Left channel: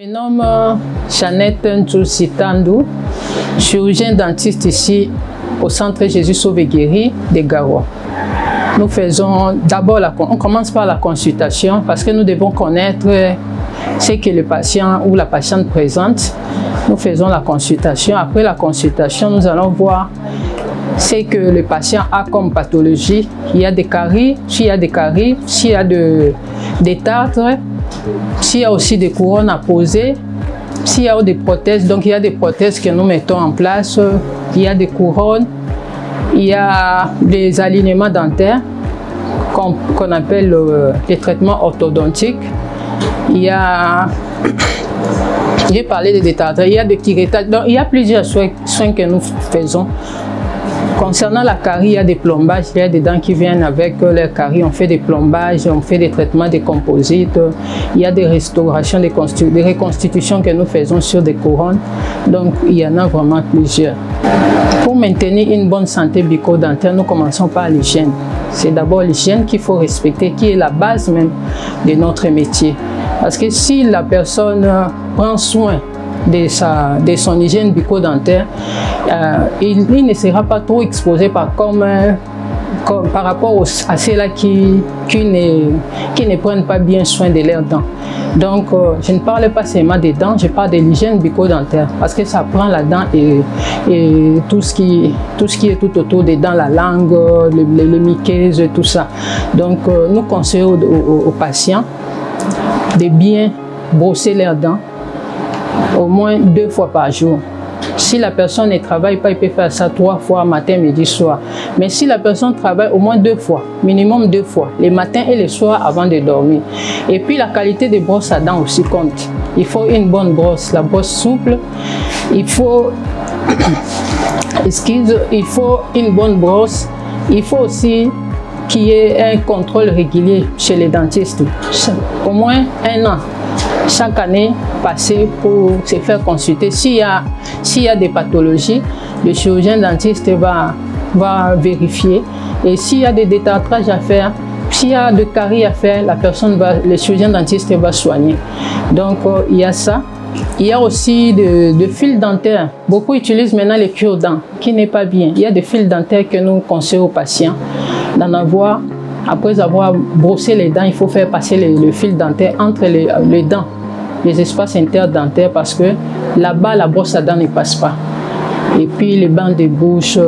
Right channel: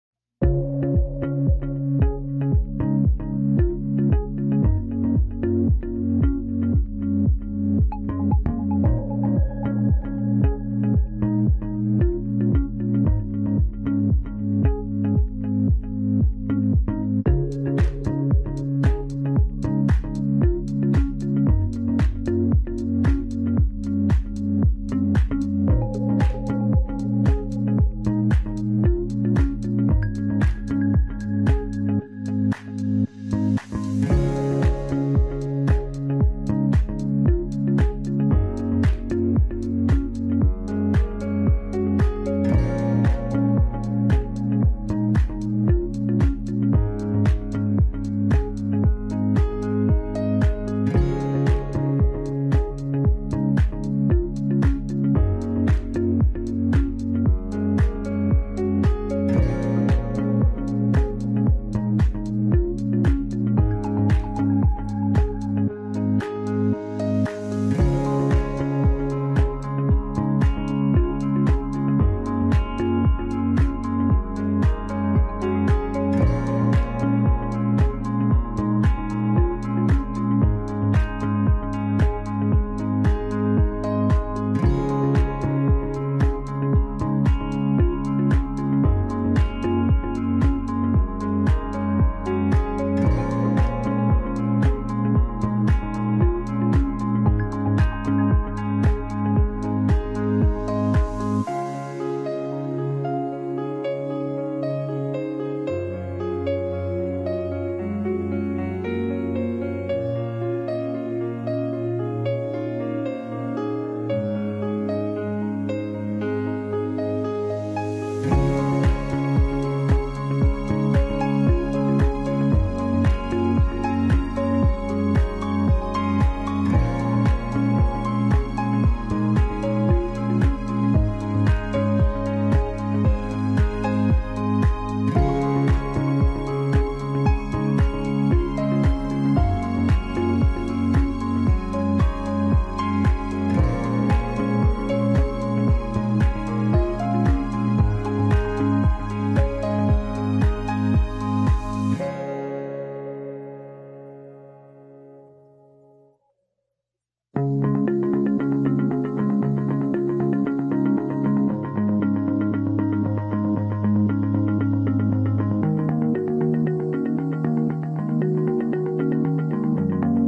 Je me nomme Jeannette Nzoussitandou, chirurgien dentiste ici au Centre Jésus Sauve et Guéri de Garoua. Nous faisons d'abord, on commence par la consultation parce que nous devons connaître ce que le patient ou la patiente présente. Nous faisons la consultation. Après la consultation, nous allons voir ce que le patient a comme pathologie. Il y a des caries, s'il y a des caries, s'il y a des tartres, s'il y a aussi des couronnes à poser, s'il y a des prothèses. Donc il y a des prothèses que nous mettons en place, il y a des couronnes, il y a des alignements dentaires qu'on appelle les traitements orthodontiques. Il y a, j'ai parlé des détartres, il y a des curettage. Donc il y a plusieurs soins que nous faisons. Concernant la carie, il y a des plombages, il y a des dents qui viennent avec les caries, on fait des plombages, on fait des traitements de composites, il y a des restaurations, des reconstitutions que nous faisons sur des couronnes, donc il y en a vraiment plusieurs. Pour maintenir une bonne santé bucco-dentaire, nous commençons par l'hygiène. C'est d'abord l'hygiène qu'il faut respecter, qui est la base même de notre métier. Parce que si la personne prend soin de son hygiène bucco-dentaire, il ne sera pas trop exposé par rapport à ceux-là qui ne prennent pas bien soin de leurs dents. Donc, je ne parle pas seulement des dents, je parle de l'hygiène bucco-dentaire parce que ça prend la dent et tout ce qui est tout autour des dents, la langue, les muqueuses, tout ça. Donc, nous conseillons aux patients de bien brosser leurs dents au moins 2 fois par jour. Si la personne ne travaille pas, il peut faire ça 3 fois, matin, midi, soir. Mais si la personne travaille au moins 2 fois, minimum 2 fois, les matins et les soirs avant de dormir. Et puis la qualité des brosses à dents aussi compte. Il faut une bonne brosse, la brosse souple. Il faut, il faut une bonne brosse. Il faut aussi qu'il y ait un contrôle régulier chez les dentistes. Au moins 1 an. Chaque année, passer pour se faire consulter. S'il y a des pathologies, le chirurgien dentiste va vérifier. Et s'il y a des détartrages à faire, s'il y a des caries à faire, le chirurgien dentiste va soigner. Donc, il y a ça. Il y a aussi des fils dentaires. Beaucoup utilisent maintenant les cure-dents, qui n'est pas bien. Il y a des fils dentaires que nous conseillons aux patients d'en avoir. Après avoir brossé les dents, il faut faire passer le fil dentaire entre les dents, les espaces interdentaires, parce que là-bas, la brosse à dents ne passe pas. Et puis, les bancs de bouche,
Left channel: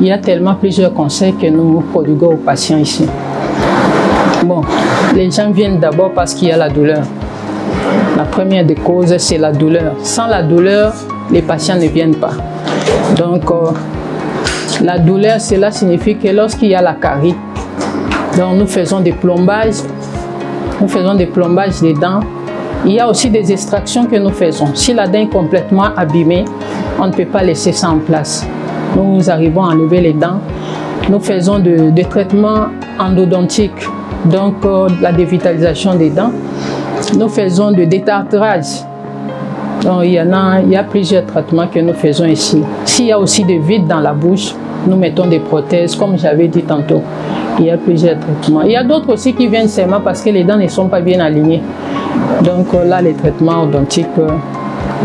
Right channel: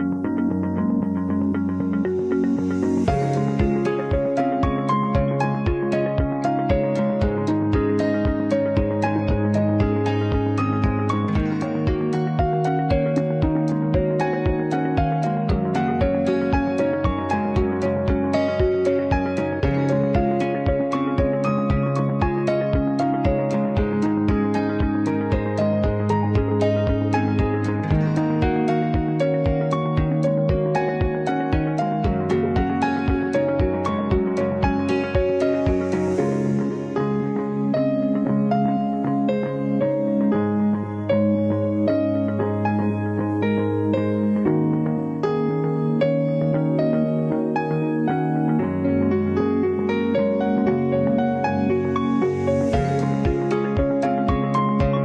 il y a tellement plusieurs conseils que nous prodiguons aux patients ici. Bon, les gens viennent d'abord parce qu'il y a la douleur. La première des causes, c'est la douleur. Sans la douleur, les patients ne viennent pas. Donc, la douleur, cela signifie que lorsqu'il y a la carie, donc nous faisons des plombages, des dents. Il y a aussi des extractions que nous faisons. Si la dent est complètement abîmée, on ne peut pas laisser ça en place. Nous arrivons à enlever les dents. Nous faisons des traitements endodontiques, donc la dévitalisation des dents. Nous faisons de détartrage. Donc, il y a plusieurs traitements que nous faisons ici. S'il y a aussi des vides dans la bouche, nous mettons des prothèses, comme j'avais dit tantôt. Il y a plusieurs traitements. Il y a d'autres aussi qui viennent seulement parce que les dents ne sont pas bien alignées. Donc là, les traitements orthodontiques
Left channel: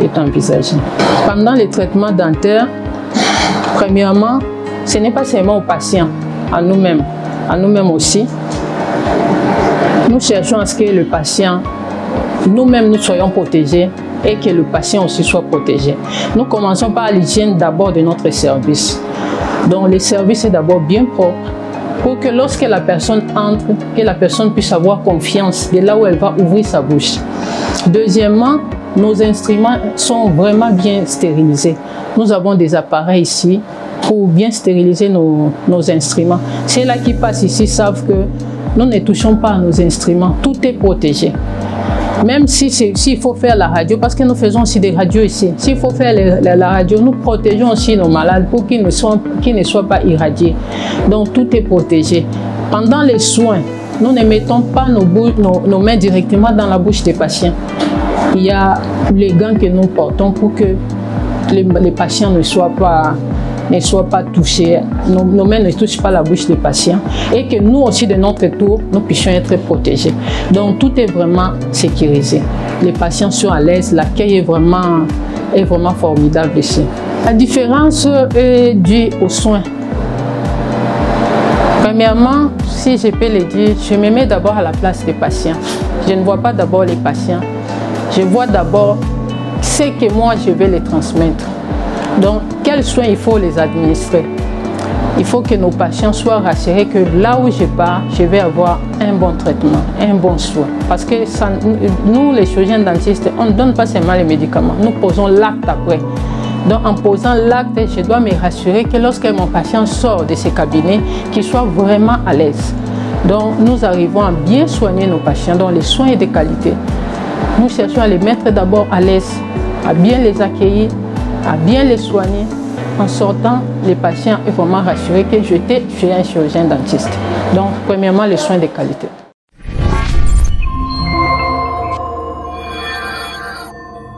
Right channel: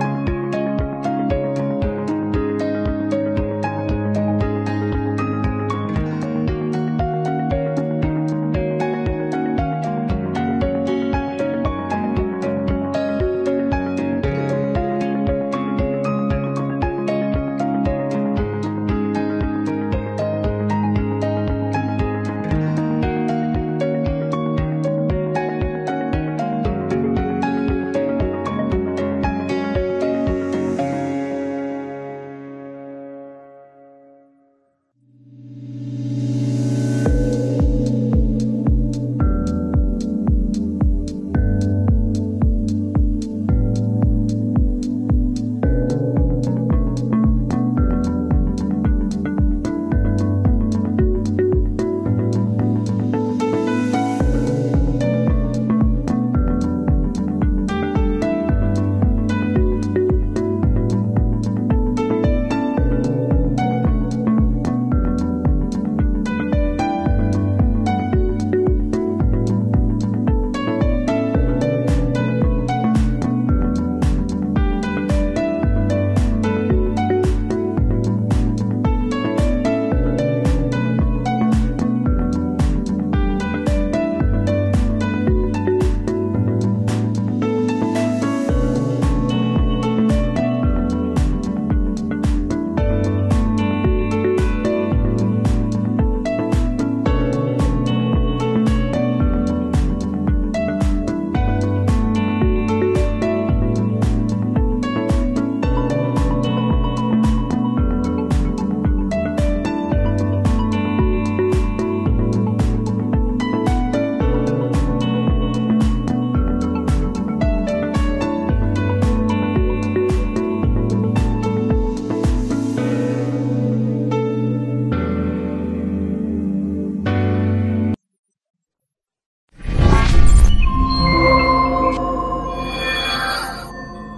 est envisagé. Pendant les traitements dentaires, premièrement, ce n'est pas seulement aux patients, à nous-mêmes aussi. Nous cherchons à ce que le patient, nous-mêmes, nous soyons protégés et que le patient aussi soit protégé. Nous commençons par l'hygiène d'abord de notre service. Donc le service est d'abord bien propre, pour que lorsque la personne entre, que la personne puisse avoir confiance de là où elle va ouvrir sa bouche. Deuxièmement, nos instruments sont vraiment bien stérilisés. Nous avons des appareils ici pour bien stériliser nos instruments. Ceux-là qui passent ici savent que nous ne touchons pas à nos instruments, tout est protégé. Même s'il faut faire la radio, parce que nous faisons aussi des radios ici, s'il faut faire la radio, nous protégeons aussi nos malades pour qu'ils ne soient pas irradiés. Donc tout est protégé. Pendant les soins, nous ne mettons pas nos mains directement dans la bouche des patients. Il y a les gants que nous portons pour que les patients ne soient pas ne soient pas touchées, nos mains ne touchent pas la bouche des patients et que nous aussi de notre tour, nous puissions être protégés. Donc tout est vraiment sécurisé. Les patients sont à l'aise, l'accueil est vraiment formidable ici. La différence est due aux soins. Premièrement, si je peux le dire, je me mets d'abord à la place des patients. Je ne vois pas d'abord les patients. Je vois d'abord ce que moi je vais les transmettre. Donc, quels soins il faut les administrer? Il faut que nos patients soient rassurés que là où je pars, je vais avoir un bon traitement, un bon soin. Parce que ça, nous, les chirurgiens dentistes, on ne donne pas seulement les médicaments, nous posons l'acte après. Donc, en posant l'acte, je dois me rassurer que lorsque mon patient sort de ce cabinet, qu'il soit vraiment à l'aise. Donc, nous arrivons à bien soigner nos patients, dont les soins sont de qualité. Nous cherchons à les mettre d'abord à l'aise, à bien les accueillir, à bien les soigner. En sortant, les patients sont vraiment rassurés que je suis un chirurgien dentiste. Donc, premièrement, les soins de qualité.